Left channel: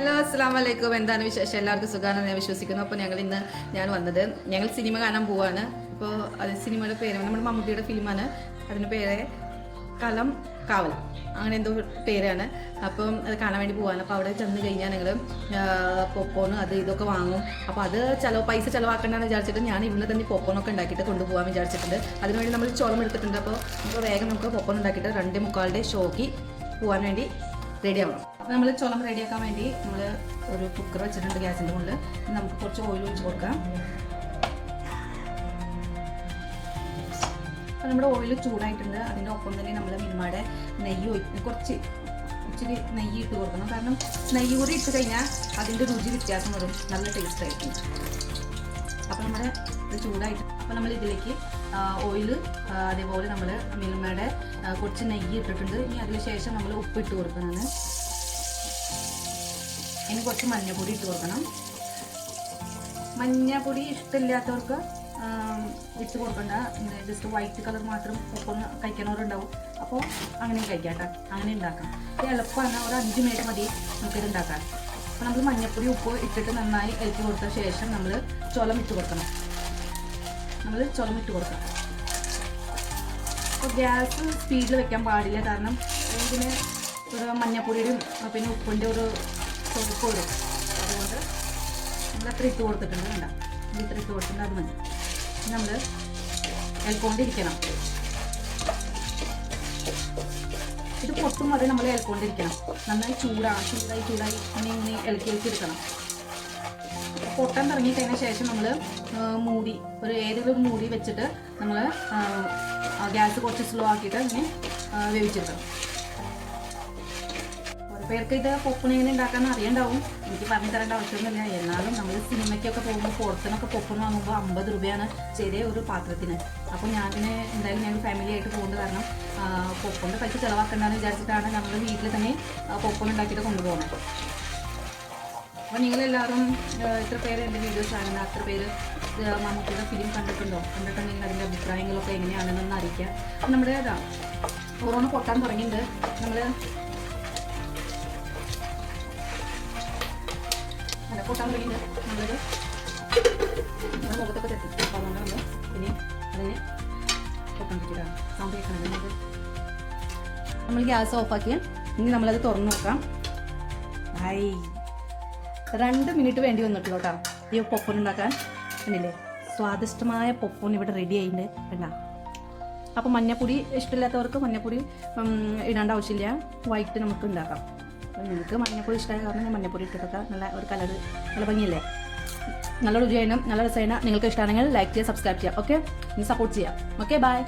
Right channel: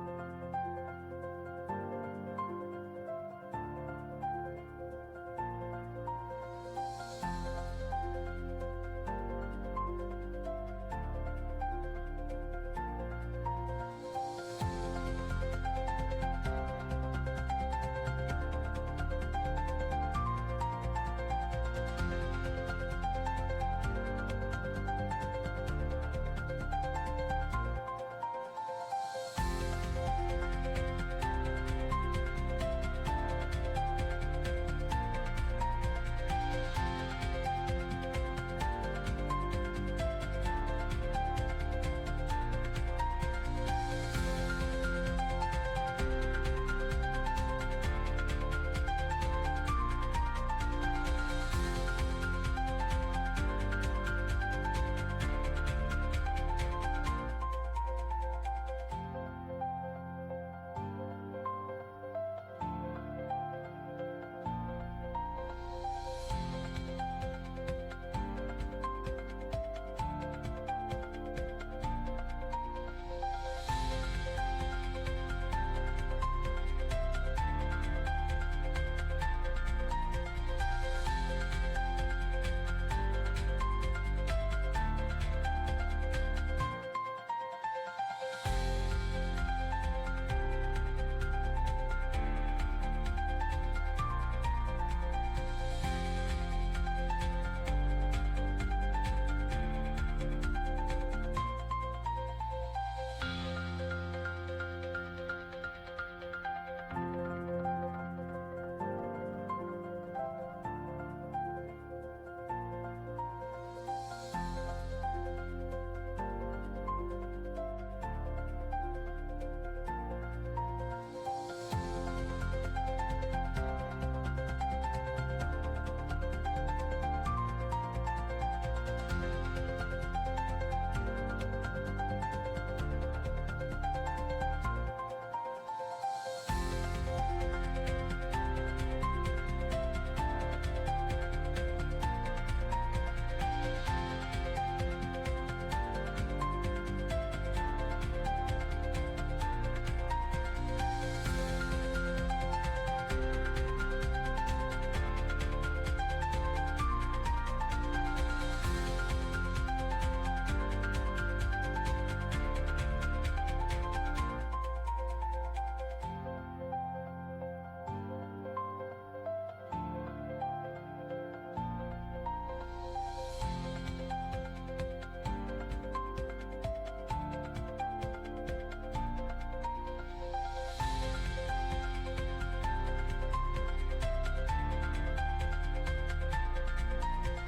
Hello അസ്സലാമു അലൈക്കും. എന്താണ് വിശേഷം? എല്ലാവർക്കും സുഖമാണെന്ന് ഞാൻ വിശ്വസിക്കുന്നു. അപ്പോൾ ഞാൻ വന്നത് ഞങ്ങൾ സിനിമ കാണാൻ പോവാണ്. അപ്പോൾ അത് സിനിമയുടെ പേര് നമ്മുടെ മമ്മൂട്ടിയുടെ ഫിലിമാണ്. അതിൻ്റെ പേര് കലം കാവൽ, അങ്ങനെ എന്തോ പേരാണ്. അപ്പം അത് കാണാൻ വേണ്ടി പോവാണ്. അപ്പോൾ അവിടെ ചെന്ന് കഴിഞ്ഞാൽ ഞങ്ങൾ പോപ്കോൺ അത് ഇതൊക്കെ വാങ്ങും. അപ്പോൾ അത് പൈസ ചിലവാക്കണ്ടെന്ന് വിചാരിച്ചിട്ട് ഞാൻ ഇന്ന് തന്നെ പോപ്കോണൊക്കെ ഉണ്ടാക്കിയിട്ട് കൊണ്ടുപോകാൻ വിചാരിച്ചിട്ടുണ്ട്. അതിനുവേണ്ടി നമ്മൾ ചോളം എടുത്തിട്ടുണ്ട്. അപ്പോൾ വേഗം നമുക്ക് പോപ്കോൺ ഉണ്ടാക്കിയിട്ട് 2:45 ഷോയ്ക്ക് പോകാൻ വേണ്ടി റെഡി ആവണം. അപ്പോൾ നമ്മൾ ചോളം റെഡിയാക്കാൻ വേണ്ടി നമ്മൾ ഒരു കുക്കർ വെച്ചിട്ടുണ്ട് ഗ്യാസിൻ്റെ മുകളിൽ. നമുക്ക് കുറച്ച് ഓയിൽ ഒഴിച്ച് കൊടുക്കാം. അപ്പോൾ നമ്മുടെ ഓയിൽ ചൂടായിട്ടുണ്ട്. അതിൻ്റെ ഒപ്പം തന്നെ നമ്മൾ മിൽമയുടെ നെയ്യ് കുറച്ച് നെയ്യ് ഇട്ട് കൊടുക്കണം. കാരണം നെയ്യ് കൂടി ഇട്ട് കഴിഞ്ഞാൽ അതിൻ്റെ രുചി വ്യത്യാസം വരും, നല്ല ടേസ്റ്റ് ആയിരിക്കും. അപ്പോൾ നമ്മുടെ ചൂടായിട്ട് അപ്പോൾ നമ്മൾ ഇതിലേക്ക് ഓയിൽ അതേപോലെ നമ്മൾ മിൽമയുടെ കുറച്ച് നെയ്യ് ഇട്ടിട്ടുണ്ട്. ഇനി അതിന് ശേഷം നമ്മൾ ഉപ്പിട്ട് കൊടുക്കുന്നത്. ഇനി കുറച്ച് മഞ്ഞൾപ്പൊടി ഇട്ട് കൊടുക്കണം. മഞ്ഞൾപ്പൊടി ഇഷ്ടമില്ലാത്തവർക്ക് ഇട്ട് കൊടുക്കണ്ട. ജസ്റ്റ് വൈറ്റ് കളർ മാത്രം ഉപ്പൊന്ന് കഴിക്കണവരുണ്ടാവും. അപ്പോൾ അങ്ങനെ കഴിക്കാം കേട്ടോ, അങ്ങനെ ഉണ്ടാക്കാം. ഇത് എളുപ്പമാണ്, ഒരു 5 മിനിറ്റ് മതി നമുക്കിത് ഉണ്ടാക്കാൻ. അപ്പോൾ നമ്മൾ മഞ്ഞൾപ്പൊടി ഉപ്പ് ഇട്ടിട്ട് നന്നായി ഇളക്കി കൊടുത്ത ശേഷം നമ്മൾ ചോളം ഇട്ട് കൊടുക്കണം. അപ്പോൾ ഗ്യാസ് സ്പീഡിൽ വെക്കാൻ പാടില്ല. കാരണം ഇതിന് ഒരു മഞ്ഞൾപ്പൊടിയുടെയും പിന്നെ ഉപ്പിൻ്റെ ഒരു തൊടുപ്പ് വരും. അതുകൊണ്ട് നമ്മൾ അത്ര ഇട്ട് കൊടുത്തിട്ടുണ്ട്. വേണ്ട, ഇത്ര ഇട്ട് കൊടുത്തിട്ടുണ്ട്, അത് മതി. നമ്മൾ ഇളക്കൊണ്ടിരിക്കണം. ഇത് പൊട്ടും വരെ നമ്മൾ ഇളക്കൊണ്ടിരിക്കണം. നന്നായി ചൂടായി ഇങ്ങനെ ഇളക്കി എടുക്കണം. പൊട്ടാൻ തുടങ്ങിക്കഴിഞ്ഞ ശേഷം നമ്മൾ ഏതെങ്കിലും ഒരു മൂടി വെച്ചിട്ട് നമ്മൾ ഗ്യാസ് കുറച്ച് സ്ലോ ആക്കിയിട്ട് ഇങ്ങനെ വേവിച്ചെടുക്കണം. ഓരോ പേർക്ക് ഇത് പൊപ്പൺ എങ്ങനെ ഉണ്ടാക്കാമെന്ന് അറിയണ്ടാവും. എനിക്ക് പറഞ്ഞു തരേണ്ട ആവശ്യമൊന്നുമില്ല. എന്നാലും നമ്മൾ സിനിമയ്ക്കൊക്കെ പോകുമ്പോൾ പുറത്തുനിന്നൊക്കെ പൊപ്പൺ വാങ്ങുമ്പോൾ 50 രൂപയാണ് ചെറിയ ഒരു പാത്രത്തിന്. അപ്പോൾ എന്തായാലും ഞങ്ങൾ ഫാമിലി ആയിട്ട് പോകുന്നത് കാരണം പൊപ്പണിൻ്റെ പൈസ ചിലവാക്കണ്ടെന്ന് വിചാരിച്ചിട്ടാണ് നമ്മൾ വീട്ടിൽ തന്നെ പൊപ്പൺ ഉണ്ടാക്കിയിട്ട് കൊണ്ടുപോകുന്നത്. അപ്പോൾ നിങ്ങളെല്ലാവരും എത്ര പേര് എൻ്റെ വീഡിയോസ് കാണുന്നത്, അത്ര പേര് മമ്മൂട്ടിയുടെ ഫിലിം കണ്ടിട്ടുണ്ടോ? കണ്ടിട്ടുണ്ടെങ്കിൽ അതിൻ്റെ അഭിപ്രായങ്ങളൊക്കെ എങ്ങനെയാണെന്നൊന്ന് അറിയിക്കാം. അപ്പം നമ്മുടെ കൊറോണ പൊട്ടാൻ തുടങ്ങിയിട്ടുണ്ട്. നമ്മൾ പൊട്ടാൻ തുടങ്ങിയിട്ടുണ്ട്. മുഖത്തൊക്കെ തെറ്റി അതുകൊണ്ട് നമ്മൾ ഇനി അതിനെ പൊട്ടാൻ സൗണ്ട് കേൾക്കണം. നമ്മൾ ഗ്യാസ് ഓഫാക്കി ഇനി നമ്മളത് തുറന്നു നോക്കാം. 2 മിനിറ്റ് വേണ്ടി വന്നിട്ട് കേട്ടോ ഈ പൊപ്പൻ ഉണ്ടാക്കാൻ. കണ്ടില്ലേ, സ്വാദിഷ്ടമായ പൊപ്പൻ ഇവിടെ റെഡി ആയിട്ടുണ്ട്. വേണ്ട, അപ്പോൾ മഞ്ഞപ്പൊടി ഇഷ്ടമില്ലാത്തവർക്ക് മഞ്ഞപ്പൊടി ഇടേണ്ട ആവശ്യമില്ല. വൈറ്റ് നമുക്ക് ഉണ്ടാക്കാം. അപ്പോൾ നിങ്ങൾക്ക് മഞ്ഞപ്പൊടി ഇഷ്ടമായ കാരണം ഞാൻ മഞ്ഞപ്പൊടി ഇട്ടിട്ടൊക്കെ നല്ല ഒരു കളർ, നല്ല ഭംഗിയല്ലേ, നല്ല രുചിയായിരുന്നു, നല്ല രസമായിരുന്നു. നിങ്ങൾക്ക് ഇഷ്ടമാണെങ്കിൽ ലൈക്ക് ചെയ്യുക, സബ്സ്ക്രൈബ് ചെയ്യുക. ഓക്കെ, സപ്പോർട്ട് ചെയ്യാം. Okay, by.